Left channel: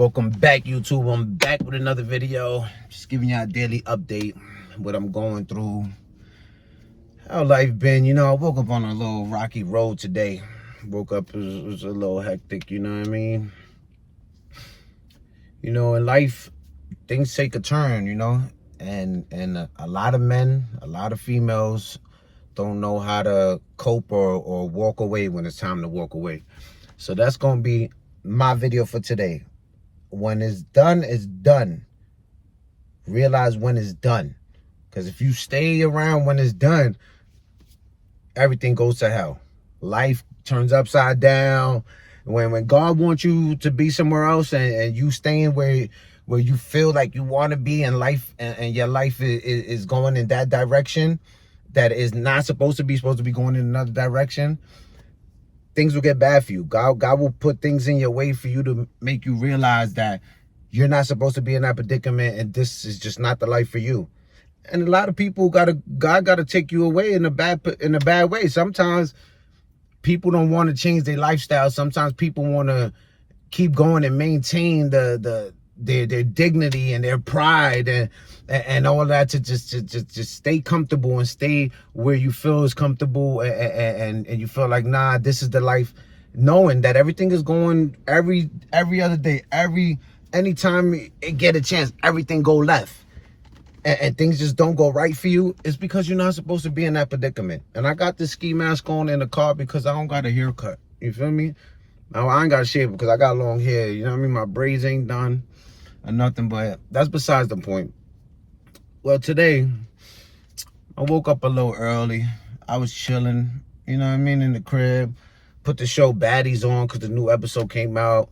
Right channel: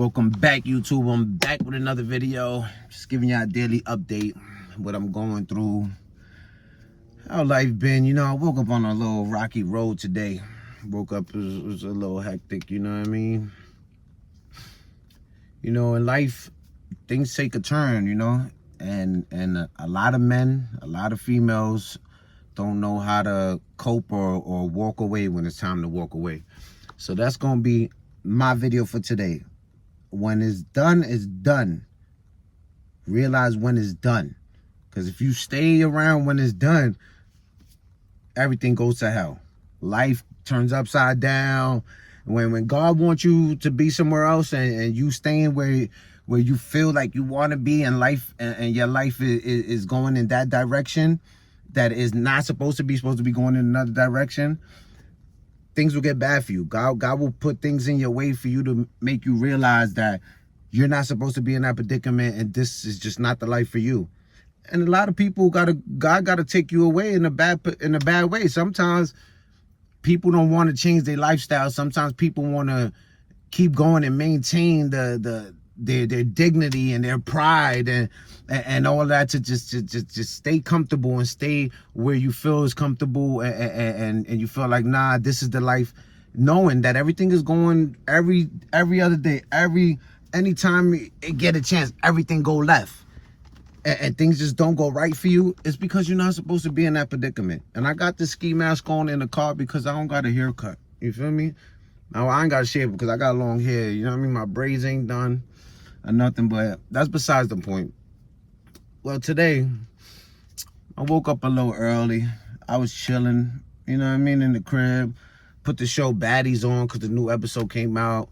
Welcome back, YouTube. I'm back with another video. Just giving y'all a daily update, what I'm going through, how life been. You know, I woke up on a little rocky road today. Woke up, it was a little hectic, you know what I mean? You know, in life, things take a turn, you know? And a lot of men, a lot of females don't know how to cope or walk away when it's time to walk away. So that's going to be my video for today. When it's done, it's done. Realize when it's done. Because if you stay around when it's done, everything goes to hell. Life turns upside down. When God wants you to be somewhere else and you staying where you feel like you want to be in life, and your life is going in that direction that is not supposed to be going in another direction, things will get bad for you. God will put things in your way for you to make you realize that you're not supposed to be in that predicament, and this is just not the life for you. And a lot of people God gotta take you away in a bad way. Sometimes people don't want to change their lifestyle. Sometimes people want to keep going and maintain their dignity and their pride and all that to just stay comfortable and stay where you feel is comfortable and you feel like, nah, this is the life, knowing that everything is going every other day, anytime you get a chance, everything go left and things just don't go right for you. It's because you're not supposed to be in that predicament. And I got this ski mask on in the car because I don't got a haircut. You feel me? Now I ain't got to shave because I got long hair. You know what I mean? My braids ain't done or nothing, but that's besides the point. Well, today I woke up a little early. I was chilling, you know what I mean, in the crib. Put the show Baddies on because the new episode came out.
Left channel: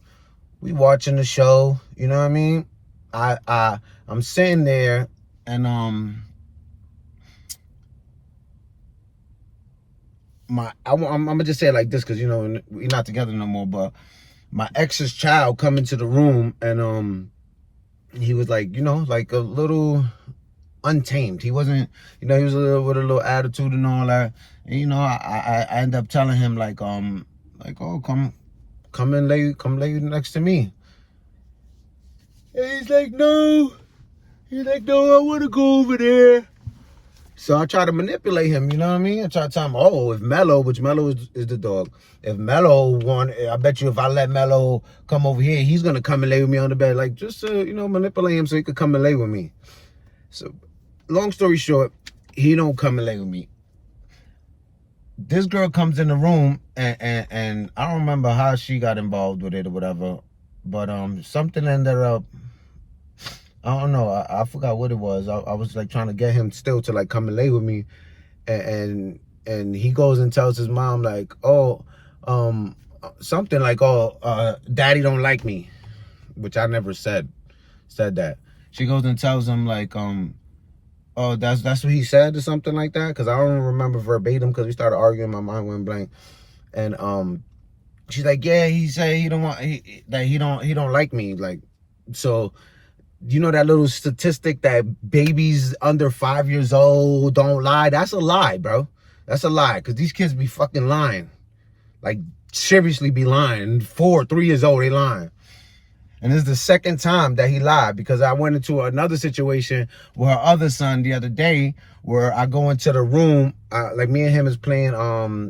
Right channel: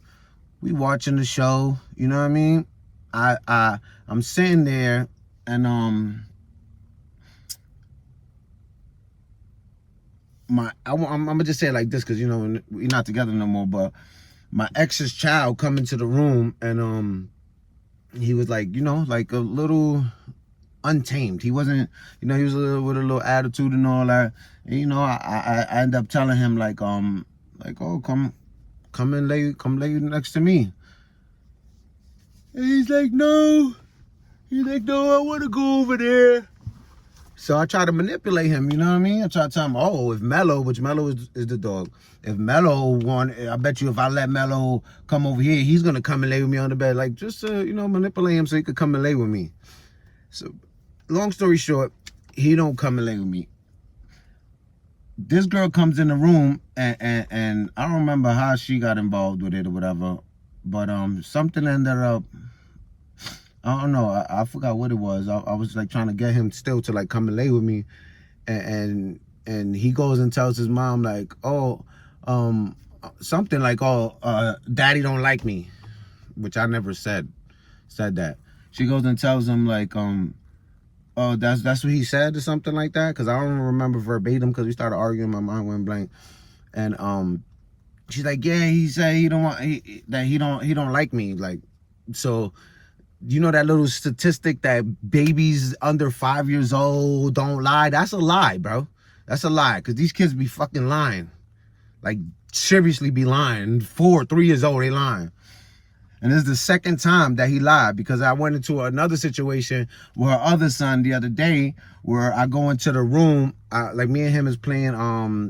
We watching the show, you know what I mean? I'm sitting there and I'm gonna just say it like this because, you know, we're not together no more, but my ex's child come into the room and he was like, you know, like a little untamed. He wasn't, you know, he was with a little attitude and all that. And, you know, I end up telling him like, oh, come and lay next to me. And he's like, no. He's like, no, I want to go over there. So I try to manipulate him, you know what I mean? I try to tell him, oh, if Mello, which Mello is the dog, if Mello I bet you if I let Mello come over here, he's going to come and lay with me on the bed. Like, just, you know, manipulate him so he could come and lay with me. So, long story short, he don't come and lay with me. This girl comes in the room, and I don't remember how she got involved with it or whatever, but something ended up, I don't know, I forgot what it was. I was like trying to get him still to like come and lay with me, and he goes and tells his mom like, oh, something like, oh, daddy don't like me, which I never said that. She goes and tells him like, oh, that's what he said or something like that, because I don't remember verbatim because we started arguing, my mind went blank. And she's like, yeah, he said he don't like me. Like, so you know that little statistic that babies under 5 years old don't lie? That's a lie, bro. That's a lie, because these kids be fucking lying. Like, seriously be lying. 3 years old, they lying. And this is the second time that he lied, because I went into another situation with her other son the other day where I go into the room, like me and him is playing,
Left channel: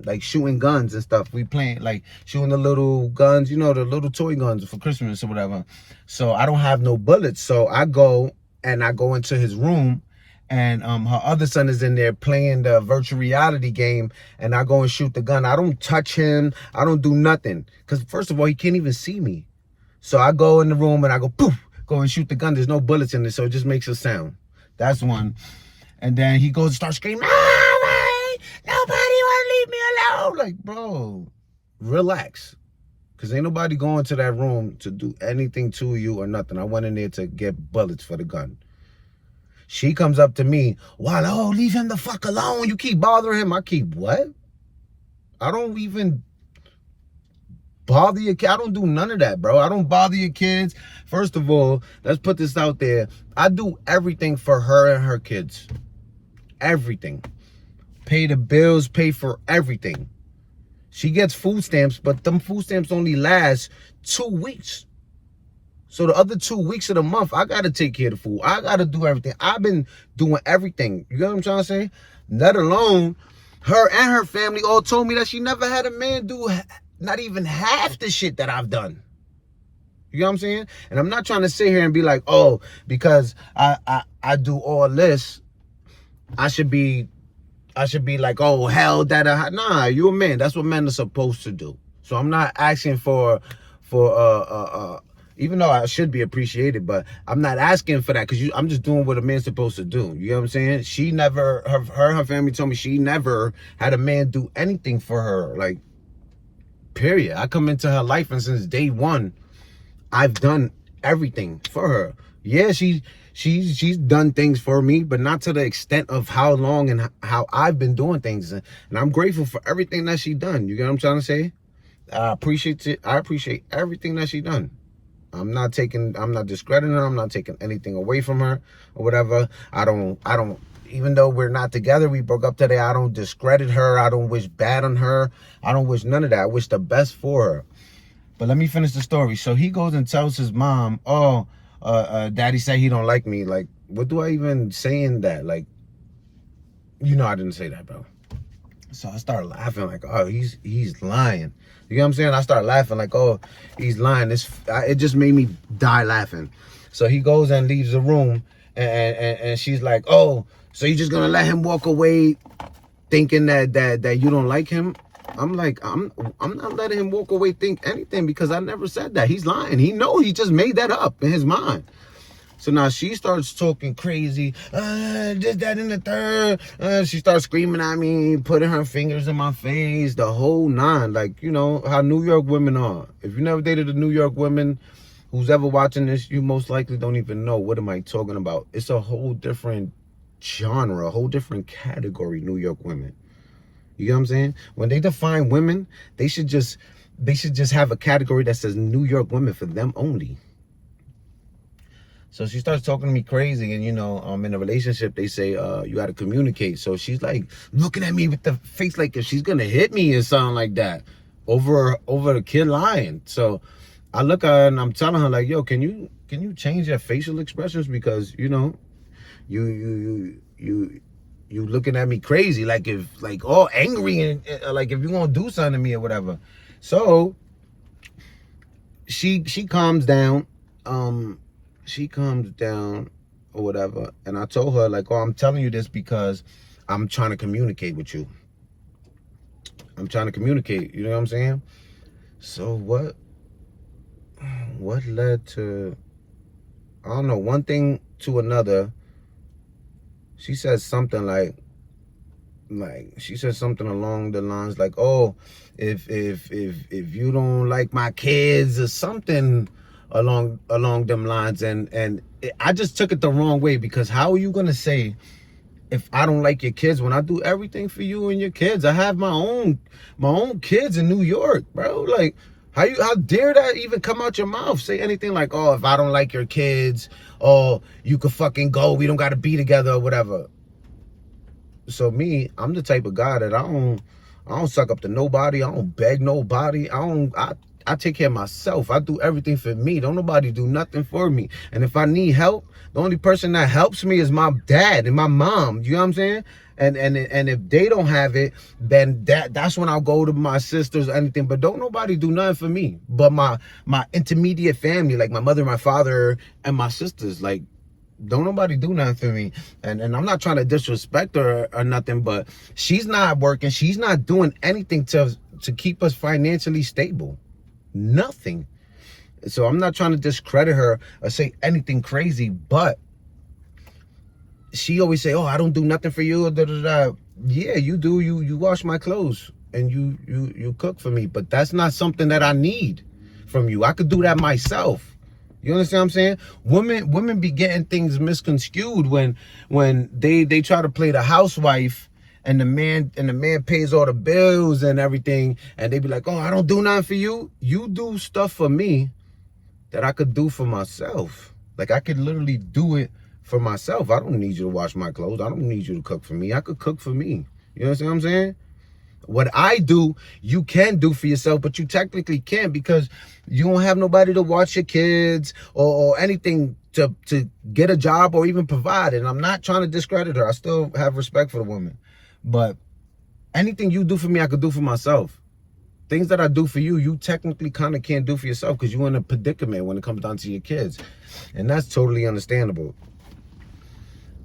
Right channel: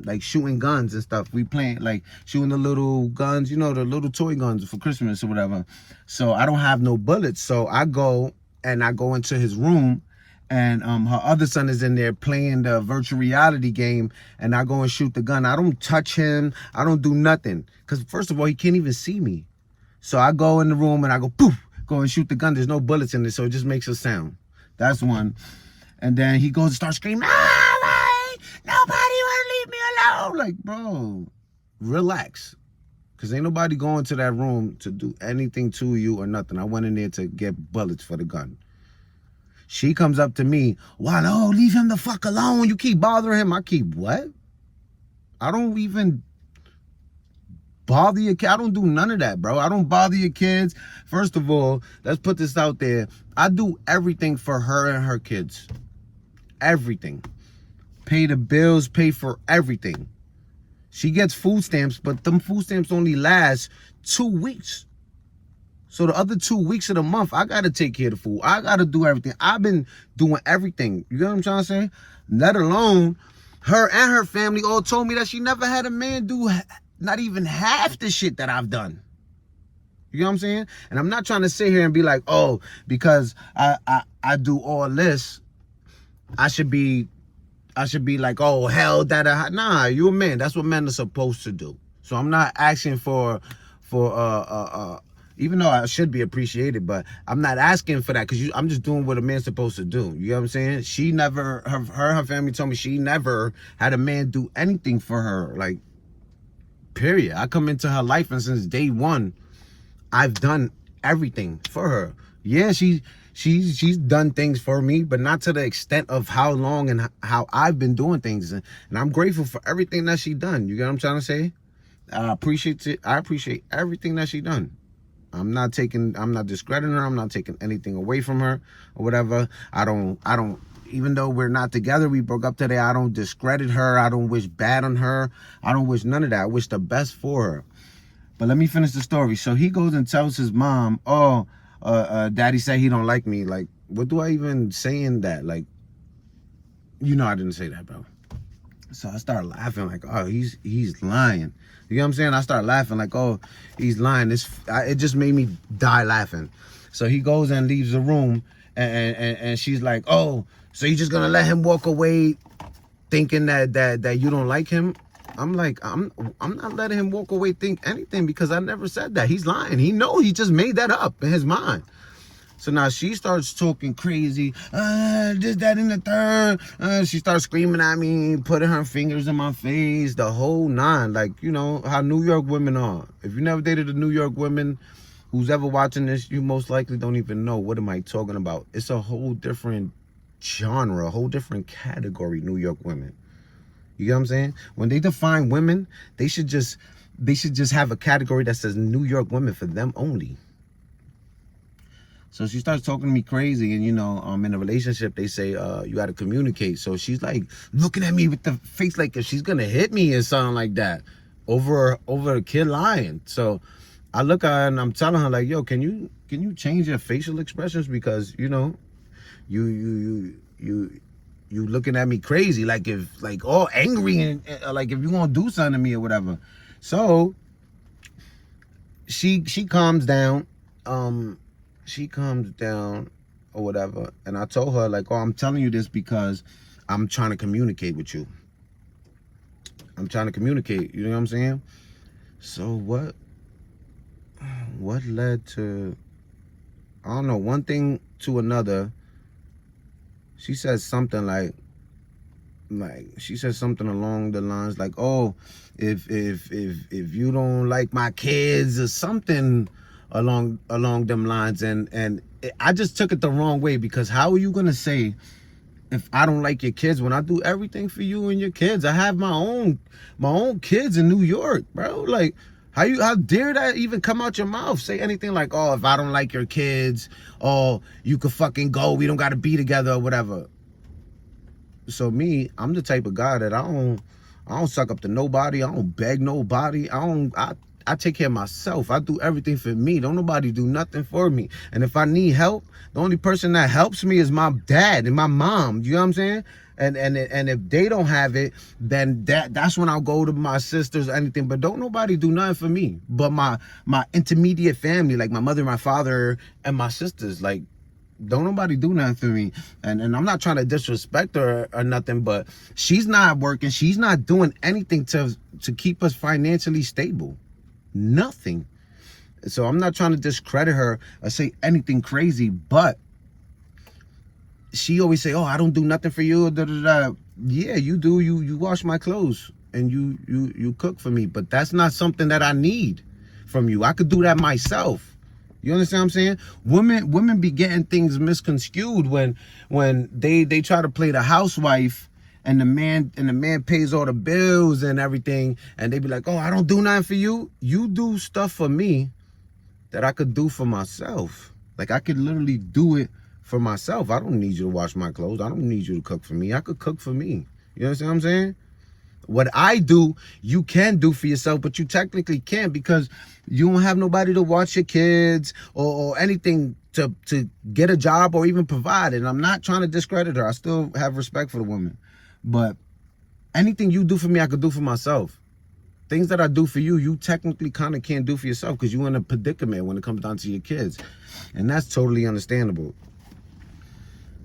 like shooting guns and stuff. We playing, like shooting the little guns, you know, the little toy guns for Christmas or whatever. So I don't have no bullets. So I go into his room, and her other son is in there playing the virtual reality game, and I go and shoot the gun. I don't touch him. I don't do nothing. Because first of all, he can't even see me. So I go in the room and I go, poof, go and shoot the gun. There's no bullets in it, so it just makes a sound. That's one. And then he goes and starts screaming, oh, nobody want to leave me alone. Like, bro, relax. Because ain't nobody going to that room to do anything to you or nothing. I went in there to get bullets for the gun. She comes up to me, wow, oh, leave him the fuck alone. You keep bothering him. I keep what? I don't even bother your kid. I don't do none of that, bro. I don't bother your kids. First of all, let's put this out there. I do everything for her and her kids. Everything. Pay the bills, pay for everything. She gets food stamps, but them food stamps only last 2 weeks. So the other 2 weeks of the month, I gotta take care of the food. I gotta do everything. I've been doing everything. You get what I'm trying to say? Let alone her and her family all told me that she never had a man do not even half the shit that I've done. You know what I'm saying? And I'm not trying to sit here and be like, oh, because I do all this, I should be like, oh, hell, that nah, you a man. That's what men are supposed to do. So I'm not asking for even though I should be appreciated, but I'm not asking for that because I'm just doing what a man's supposed to do. You know what I'm saying? She never, her family told me she never had a man do anything for her. Like, period. I come into her life and since day one, I've done everything for her. Yeah, she's done things for me, but not to the extent of how long and how I've been doing things. And I'm grateful for everything that she done. You get what I'm trying to say? I appreciate it. I appreciate everything that she done. I'm not discrediting her. I'm not taking anything away from her or whatever. I don't, even though we're not together, we broke up today, I don't discredit her. I don't wish bad on her. I don't wish none of that. I wish the best for her. But let me finish the story. So he goes and tells his mom, oh, daddy said he don't like me. Like, what do I even say in that? Like, you know I didn't say that, bro. So I started laughing like, oh, he's lying. You know what I'm saying? I started laughing like, oh, he's lying. It just made me die laughing. So he goes and leaves the room, and she's like, oh, so you just gonna let him walk away thinking that you don't like him? I'm like, I'm not letting him walk away think anything because I never said that. He's lying. He just made that up in his mind. So now she starts talking crazy, just that in the third. She starts screaming at me, putting her fingers in my face, the whole nine. Like, you know, how New York women are. If you never dated a New York woman, who's ever watching this, you most likely don't even know what am I talking about. It's a whole different genre, a whole different category, New York women. You know what I'm saying? When they define women, they should just have a category that says New York women for them only. So she starts talking to me crazy, and you know, in a relationship, they say you got to communicate. So she's like looking at me with the face like if she's gonna hit me or something like that over a kid lying. So I look at her and I'm telling her like, yo, can you change your facial expressions because you know, you looking at me crazy like if like all angry and like if you gonna do something to me or whatever. So she calms down. She comes down or whatever, and I told her like, oh, I'm telling you this because I'm trying to communicate with you. I'm trying to communicate, you know what I'm saying? So what led to, I don't know, one thing to another. She said something like she said something along the lines like, oh, if you don't like my kids or something along them lines, and I just took it the wrong way because how are you gonna say if I don't like your kids when I do everything for you and your kids? I have my own kids in New York, bro. Like how dare that even come out your mouth? Say anything like, oh, if I don't like your kids, oh, you could fucking go, we don't gotta be together or whatever. So me, I'm the type of guy that I don't suck up to nobody. I don't beg nobody. I take care of myself. I do everything for me. Don't nobody do nothing for me. And if I need help, the only person that helps me is my dad and my mom. You know what I'm saying? And if they don't have it, then that's when I'll go to my sisters or anything. But don't nobody do nothing for me. But my intermediate family, like my mother, my father, and my sisters, like, don't nobody do nothing for me. And I'm not trying to disrespect her or nothing, but she's not working. She's not doing anything to keep us financially stable. Nothing. So I'm not trying to discredit her or say anything crazy, but she always say, oh, I don't do nothing for you. Da, da, da. Yeah, you do. You wash my clothes and you cook for me, but that's not something that I need from you. I could do that myself. You understand what I'm saying? Women be getting things misconstrued when they try to play the housewife and the man pays all the bills and everything, and they be like, oh, I don't do nothing for you. You do stuff for me that I could do for myself. Like I could literally do it for myself. I don't need you to wash my clothes. I don't need you to cook for me. I could cook for me. You understand what I'm saying? What I do, you can do for yourself, but you technically can't because you don't have nobody to watch your kids or anything to get a job or even provide. And I'm not trying to discredit her. I still have respect for the woman. But anything you do for me, I could do for myself. Things that I do for you, you technically kind of can't do for yourself because you're in a predicament when it comes down to your kids. And that's totally understandable.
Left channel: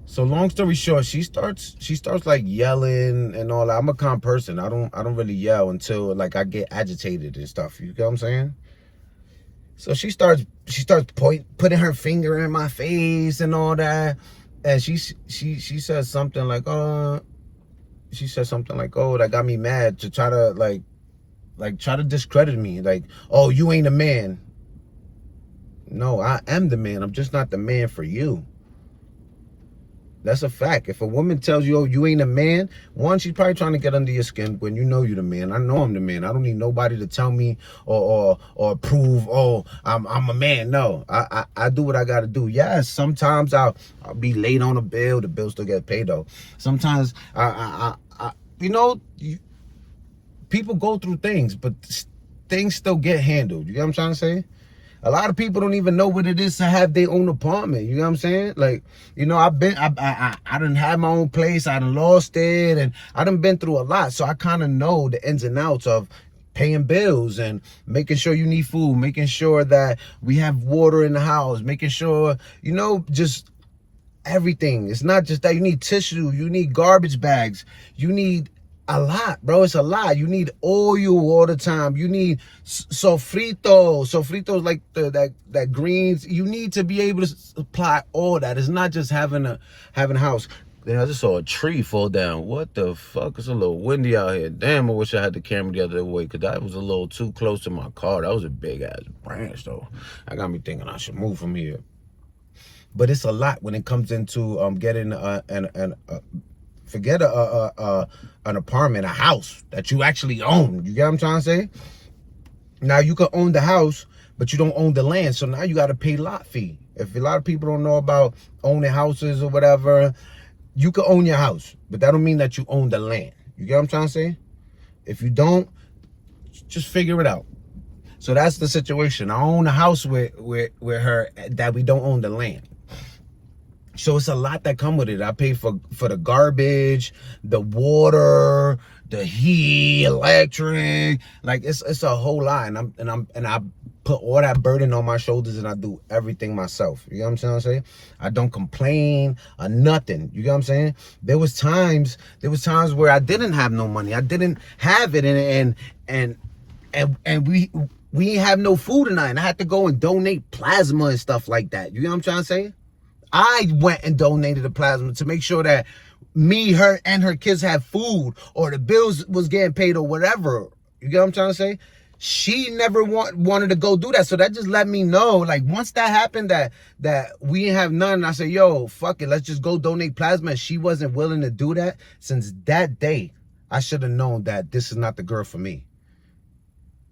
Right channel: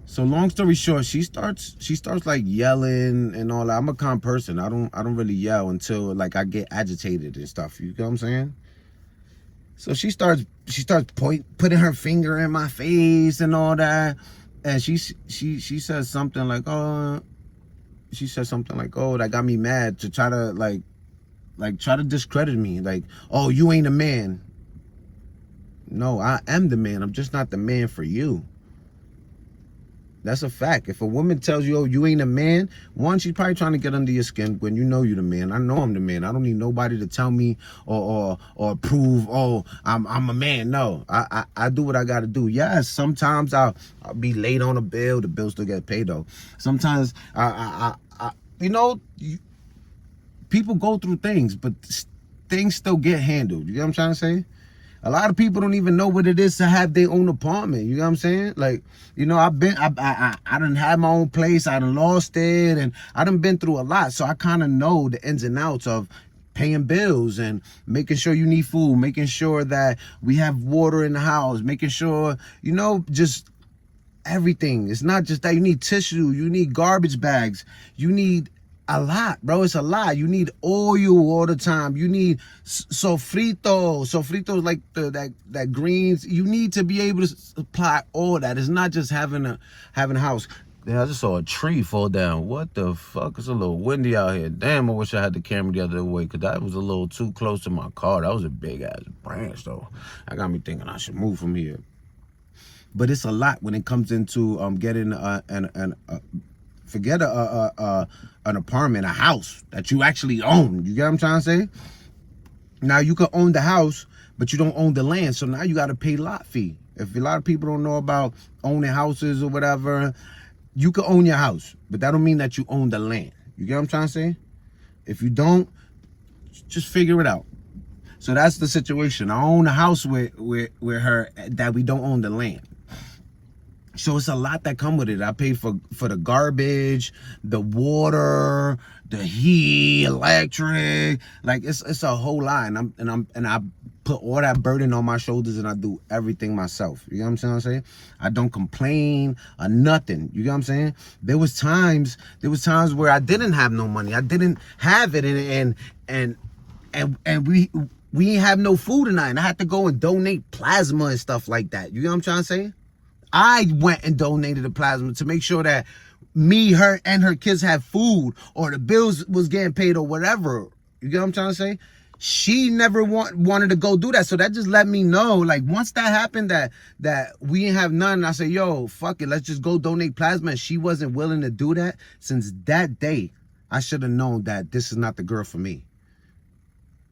So long story short, she starts like yelling and all that. I'm a calm person. I don't really yell until like I get agitated and stuff. You know what I'm saying? So she starts putting her finger in my face and all that. And she says something like, oh, that got me mad, to try to like try to discredit me. Like, oh, you ain't a man. No, I am the man. I'm just not the man for you. That's a fact. If a woman tells you, oh, you ain't a man, one, she's probably trying to get under your skin when you know you're the man. I know I'm the man. I don't need nobody to tell me or prove, oh, I'm a man. No, I do what I got to do. Yes, sometimes I'll be late on a bill. The bill still get paid, though. Sometimes, people go through things, but things still get handled. You know what I'm trying to say? A lot of people don't even know what it is to have their own apartment. You know what I'm saying? Like, I done had my own place. I done lost it. And I done been through a lot. So I kind of know the ins and outs of paying bills and making sure you need food, making sure that we have water in the house, making sure, just everything. It's not just that. You need tissue. You need garbage bags. You need a lot, bro. It's a lot. You need oil all the time. You need sofrito. Sofrito is like that greens. You need to be able to supply all that. It's not just having a house. Then I just saw a tree fall down. What the fuck? It's a little windy out here. Damn, I wish I had the camera the other way because that was a little too close to my car. That was a big ass branch though. That got me thinking I should move from here. But it's a lot when it comes into getting forget an apartment, a house that you actually own. You get what I'm trying to say? Now you can own the house, but you don't own the land. So now you got to pay lot fee. If a lot of people don't know about owning houses or whatever, you can own your house, but that don't mean that you own the land. You get what I'm trying to say? If you don't, just figure it out. So that's the situation. I own a house with her that we don't own the land. So it's a lot that come with it. I pay for the garbage, the water, the heat, electric. Like it's a whole lot, and I put all that burden on my shoulders, and I do everything myself. You know what I'm trying to say? I don't complain or nothing. You know what I'm saying? There was times where I didn't have no money. I didn't have it, and we didn't have no food tonight. And I had to go and donate plasma and stuff like that. You know what I'm trying to say? I went and donated the plasma to make sure that me, her, and her kids had food or the bills was getting paid or whatever. You get what I'm trying to say? She never wanted to go do that. So that just let me know, like, once that happened, that we didn't have none, I said, yo, fuck it, let's just go donate plasma. And she wasn't willing to do that. Since that day, I should have known that this is not the girl for me.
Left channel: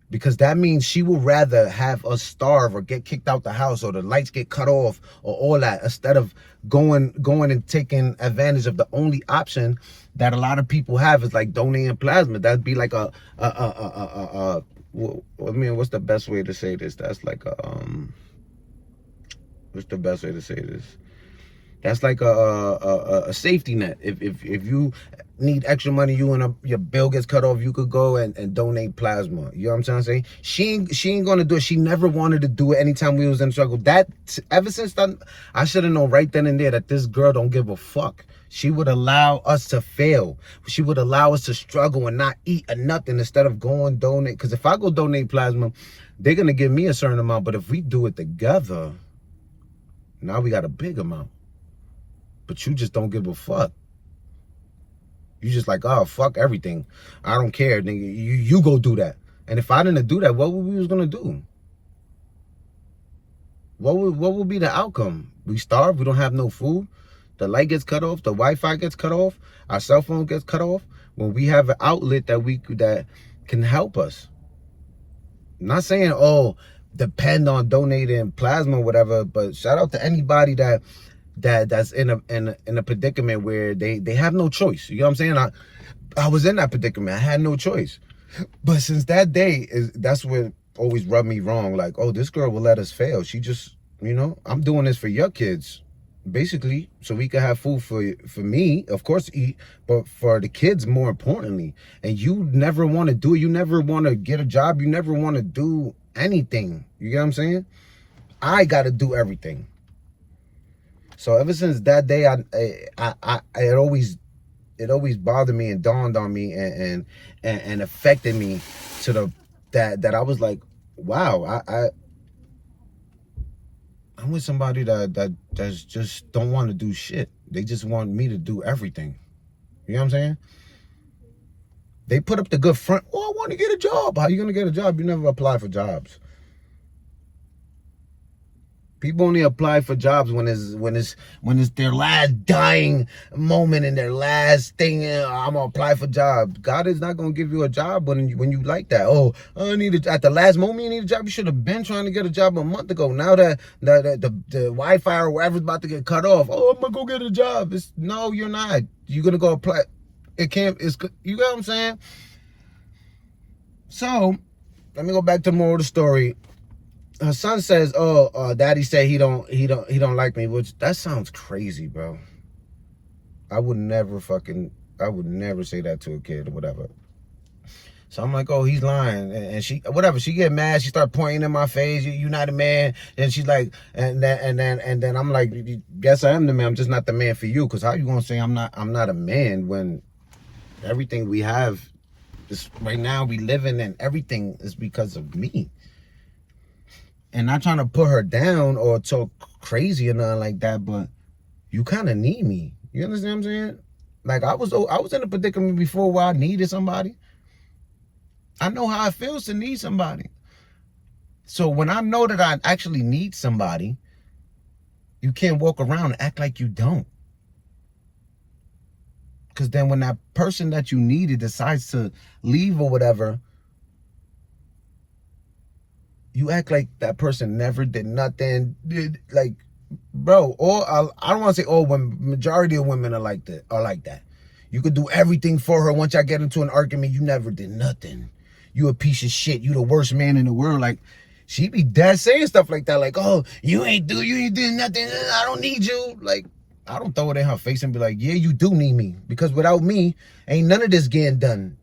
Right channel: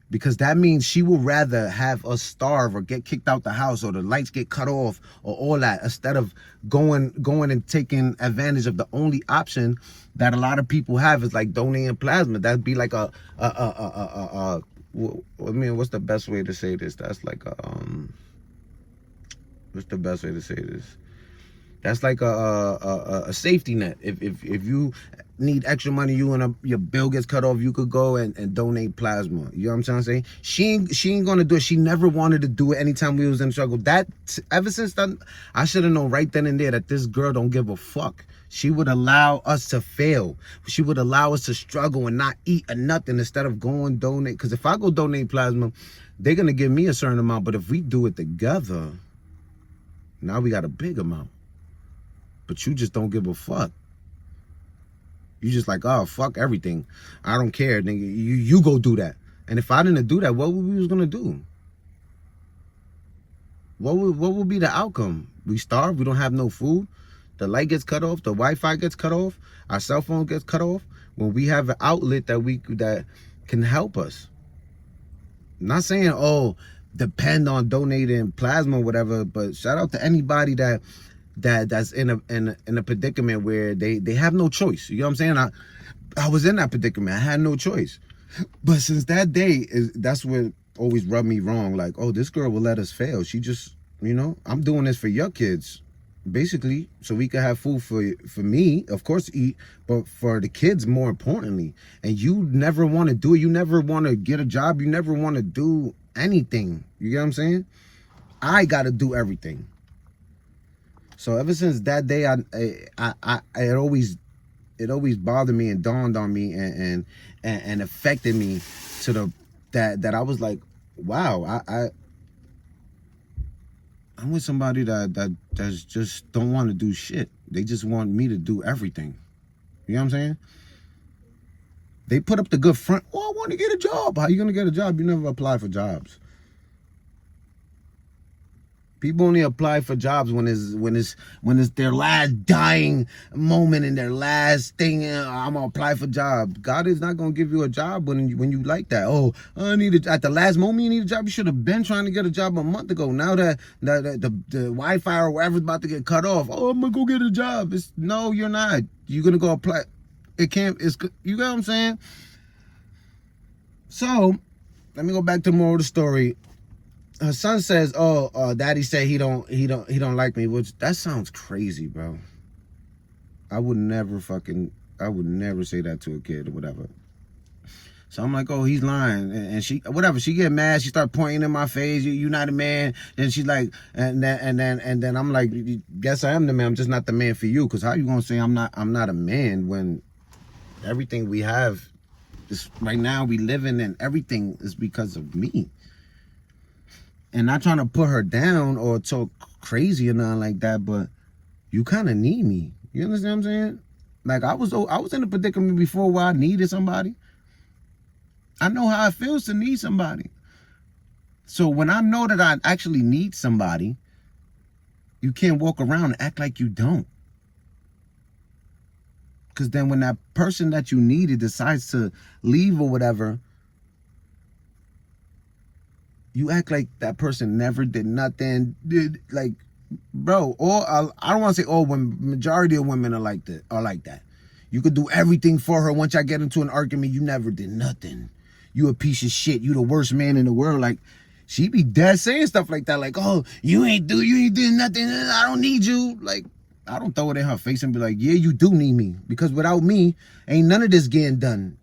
Because that means she would rather have us starve or get kicked out the house or the lights get cut off or all that, instead of going and taking advantage of the only option that a lot of people have is like donating plasma. That'd be like I mean, what's the best way to say this? That's like what's the best way to say this? That's like a safety net. If you need extra money, your bill gets cut off, you could go and donate plasma. You know what I'm trying to say? She ain't gonna do it. She never wanted to do it anytime we was in struggle. Ever since then, I should have known right then and there that this girl don't give a fuck. She would allow us to fail. She would allow us to struggle and not eat or nothing instead of going donate. Because if I go donate plasma, they're gonna give me a certain amount. But if we do it together, now we got a big amount. But you just don't give a fuck. You just like, oh, fuck everything. I don't care. Nigga, you go do that. And if I didn't do that, what we was gonna do? What would be the outcome? We starve, we don't have no food, the light gets cut off, the Wi-Fi gets cut off, our cell phone gets cut off, when we have an outlet that can help us. I'm not saying, oh, depend on donating plasma or whatever, but shout out to anybody that's in a predicament where they have no choice. You know what I'm saying? I was in that predicament. I had no choice. But since that day, that's what always rubbed me wrong. Like, oh, this girl will let us fail. She just, I'm doing this for your kids, basically, so we can have food for me, of course, eat, but for the kids more importantly. And you never want to do it. You never want to get a job. You never want to do anything. You get what I'm saying? I got to do everything. So ever since that day, it always bothered me and dawned on me and affected me to that I was like, wow, I'm with somebody that's just don't want to do shit. They just want me to do everything. You know what I'm saying? They put up the good front. Oh, I want to get a job. How you gonna get a job? You never apply for jobs. People only apply for jobs when it's their last dying moment and their last thing. I'm gonna apply for jobs. God is not gonna give you a job when you like that. Oh, I need at the last moment you need a job. You should have been trying to get a job a month ago. Now that the Wi-Fi or whatever's about to get cut off. Oh, I'm gonna go get a job. No, you're not. You're gonna go apply. It can't. You get what I'm saying? So let me go back to the moral of the story. Her son says, "Oh, Daddy said he don't like me," which that sounds crazy, bro. I would never say that to a kid or whatever. So I'm like, oh, he's lying, and she get mad. She start pointing in my face. You're not a man. And she's like, and then I'm like, guess I am the man. I'm just not the man for you. Cause how you gonna say I'm not a man when everything we have, right now we living and everything is because of me. And not trying to put her down or talk crazy or nothing like that, but you kind of need me. You understand what I'm saying? Like I was in a predicament before where I needed somebody. I know how it feels to need somebody. So when I know that I actually need somebody, you can't walk around and act like you don't. Because then when that person that you needed decides to leave or whatever, you act like that person never did nothing. Like, bro, I don't want to say all women, majority of women are like that. You could do everything for her. Once I get into an argument, you never did nothing. You a piece of shit. You the worst man in the world. Like, she be dead saying stuff like that. Like, oh, you ain't did nothing. I don't need you. Like, I don't throw it in her face and be like, yeah, you do need me. Because without me, ain't none of this getting done.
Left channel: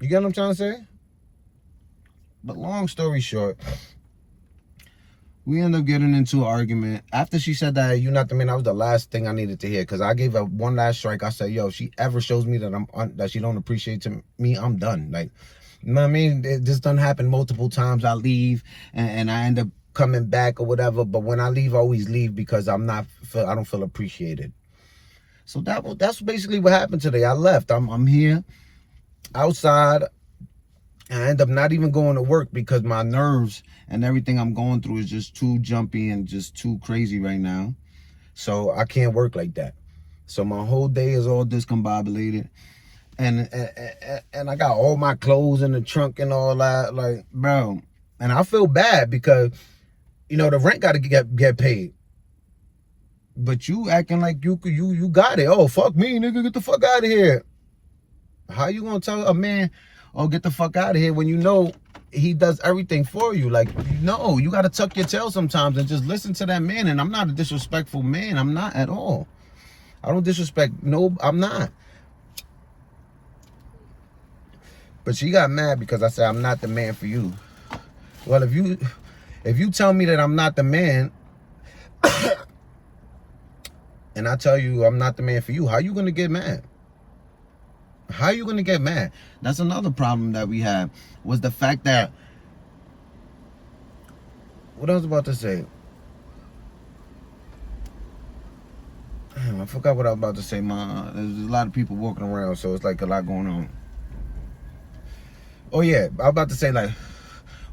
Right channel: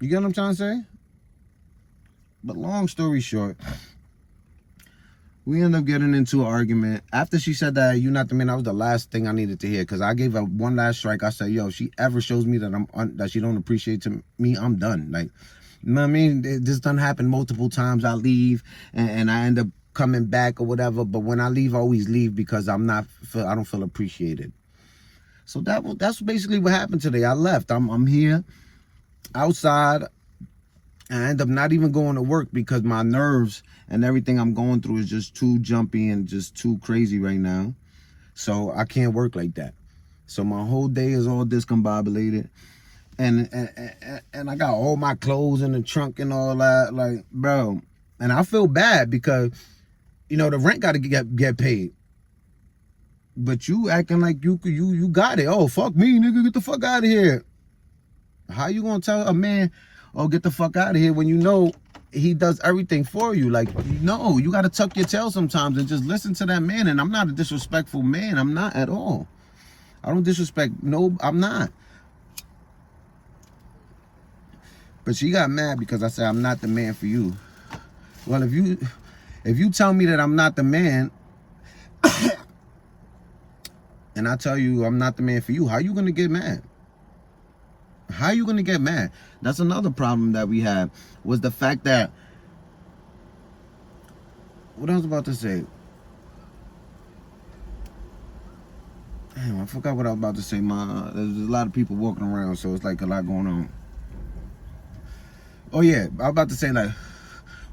You get what I'm trying to say? But long story short, we end up getting into an argument. After she said that, you're not the man, that was the last thing I needed to hear. Because I gave her one last strike. I said, yo, if she ever shows me that that she don't appreciate me, I'm done. Like, you know what I mean? This done happened multiple times. I leave and I end up coming back or whatever. But when I leave, I always leave because I don't feel appreciated. So that's basically what happened today. I left. I'm here outside. I end up not even going to work because my nerves and everything I'm going through is just too jumpy and just too crazy right now. So I can't work like that. So my whole day is all discombobulated. And I got all my clothes in the trunk and all that. Like, bro. And I feel bad because, the rent got to get paid. But you acting like you got it. Oh, fuck me, nigga. Get the fuck out of here. How you going to tell a man, oh, get the fuck out of here when you know he does everything for you? Like, you got to tuck your tail sometimes and just listen to that man. And I'm not a disrespectful man. I'm not at all. I don't disrespect. No, I'm not. But she got mad because I said, I'm not the man for you. Well, if you tell me that I'm not the man and I tell you I'm not the man for you, how you going to get mad? How are you going to get mad? That's another problem that we had, was the fact that, what I was about to say. Damn, I forgot what I was about to say. There's a lot of people walking around, so it's like a lot going on. Oh yeah, I was about to say, like,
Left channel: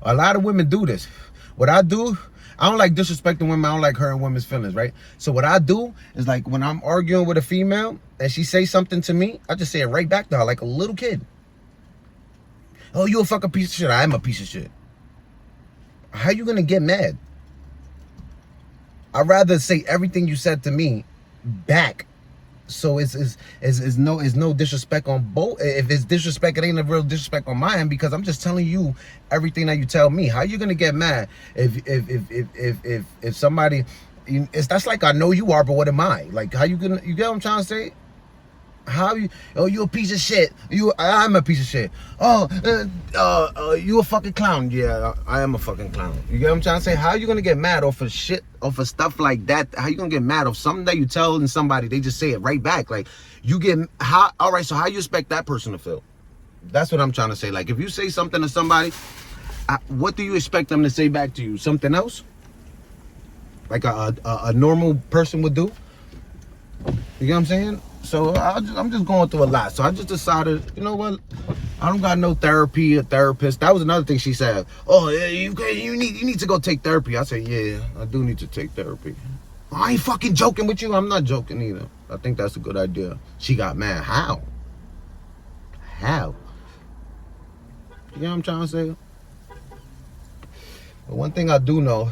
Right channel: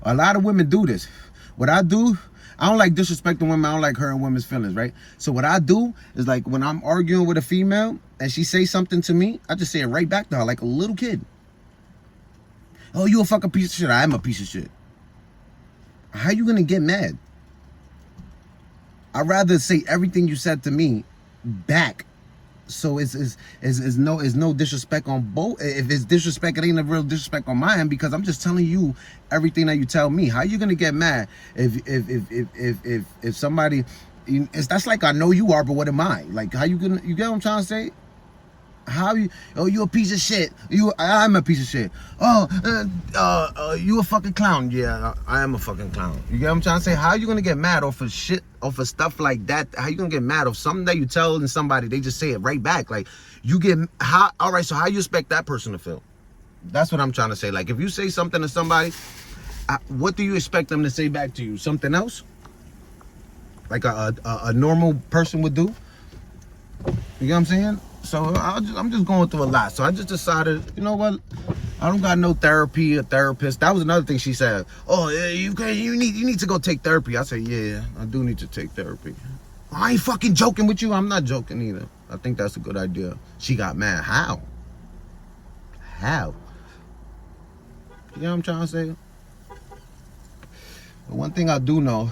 a lot of women do this. What I do, I don't like disrespecting women. I don't like hurting women's feelings, right? So what I do is, like, when I'm arguing with a female and she say something to me, I just say it right back to her like a little kid. Oh, you a fucking piece of shit. I am a piece of shit. How you gonna get mad? I'd rather say everything you said to me back So it's no disrespect on both. If it's disrespect, it ain't a real disrespect on my end, because I'm just telling you everything that you tell me. How you gonna get mad if somebody? That's like, I know you are, but what am I? Like, how you gonna? You get what I'm trying to say? How you? Oh, you a piece of shit. I'm a piece of shit. Oh, you a fucking clown. Yeah, I am a fucking clown. You get what I'm trying to say? How you gonna get mad off of shit, off of stuff like that? How you gonna get mad off something that you tell somebody, they just say it right back? Like, you get how? All right, so how you expect that person to feel? That's what I'm trying to say. Like, if you say something to somebody, what do you expect them to say back to you? Something else? Like a normal person would do? You get what I'm saying? So I'm just going through a lot. So I just decided, you know what? I don't got no therapy or therapist. That was another thing she said. Oh, yeah, you need to go take therapy. I said, yeah, I do need to take therapy. I ain't fucking joking with you. I'm not joking either. I think that's a good idea. She got mad. How? How? You know what I'm trying to say? But one thing I do know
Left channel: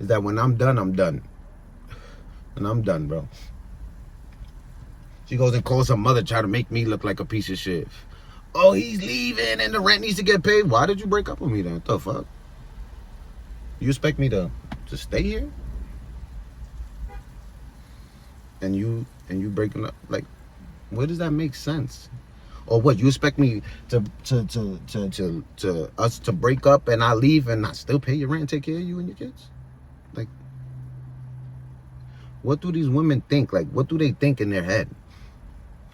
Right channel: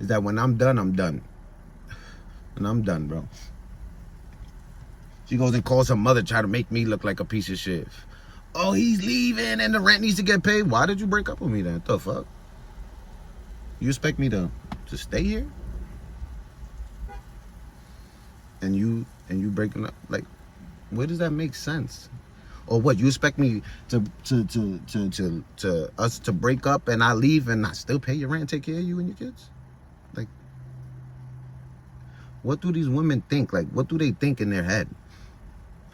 is that when I'm done, I'm done. And I'm done, bro. She goes and calls her mother, try to make me look like a piece of shit. Oh, he's leaving and the rent needs to get paid. Why did you break up with me then? What the fuck? You expect me to stay here? And you breaking up? Like, where does that make sense? Or what, you expect me to us to break up and I leave and I still pay your rent and take care of you and your kids? Like, what do these women think? Like, what do they think in their head?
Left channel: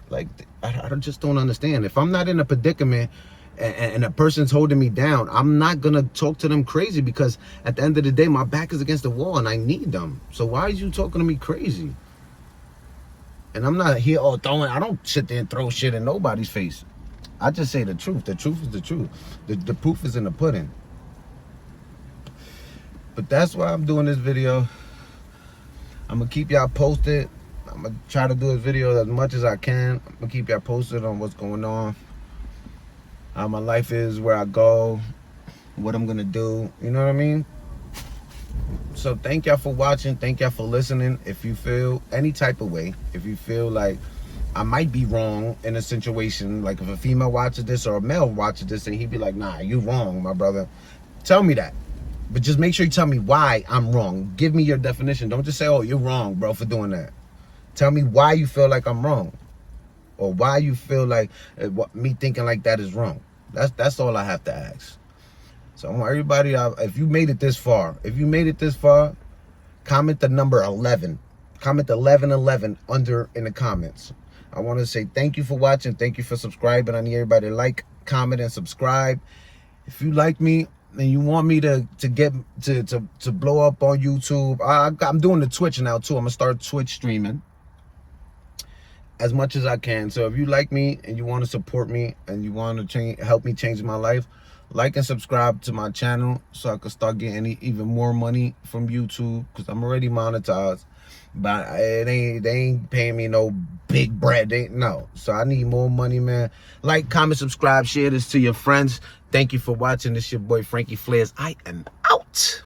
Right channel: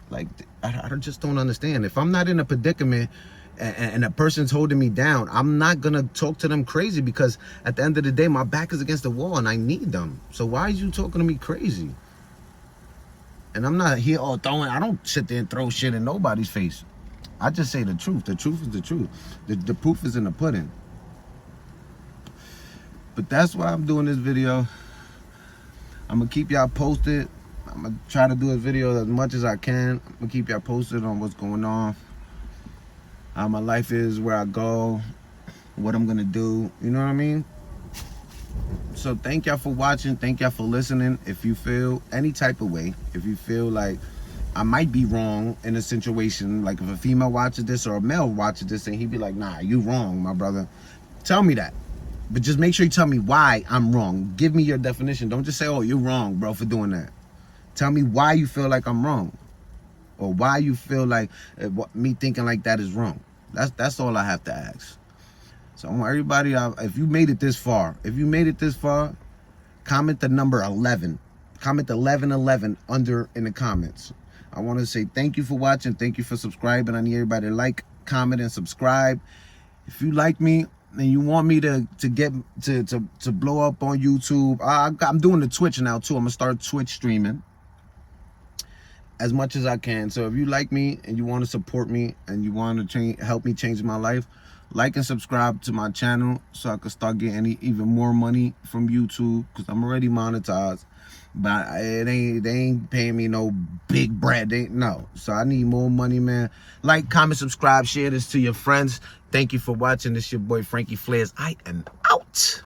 Like, I just don't understand. If I'm not in a predicament and a person's holding me down, I'm not gonna talk to them crazy, because at the end of the day, my back is against the wall and I need them. So why is you talking to me crazy? And I'm not here I don't sit there and throw shit in nobody's face. I just say the truth. The truth is the truth. The proof is in the pudding. But that's why I'm doing this video. I'm gonna keep y'all posted. I'm gonna try to do a video as much as I can. I'm gonna keep y'all posted on what's going on, how my life is, where I go, what I'm gonna do. You know what I mean? So thank y'all for watching. Thank y'all for listening. If you feel any type of way, if you feel like I might be wrong in a situation, like if a female watches this or a male watches this and he'd be like, nah, you wrong, my brother, tell me that. But just make sure you tell me why I'm wrong. Give me your definition. Don't just say, oh, you're wrong, bro, for doing that. Tell me why you feel like I'm wrong, or why you feel like me thinking like that is wrong. That's all I have to ask. So I want everybody, if you made it this far, comment the number 11. Comment 1111 under in the comments. I want to say thank you for watching. Thank you for subscribing. I need everybody to like, comment, and subscribe. If you like me and you want me to blow up on YouTube, I'm doing the Twitch now too. I'm gonna start Twitch streaming as much as I can. So if you like me and you want to support me and you want to help me change my life, like and subscribe to my channel so I can start getting even more money from YouTube, because I'm already monetized, but they ain't paying me no big bread. No. So I need more money, man. Like, comment, subscribe, share this to your friends. Thank you for watching. This is your boy Frankie Flares. I am out.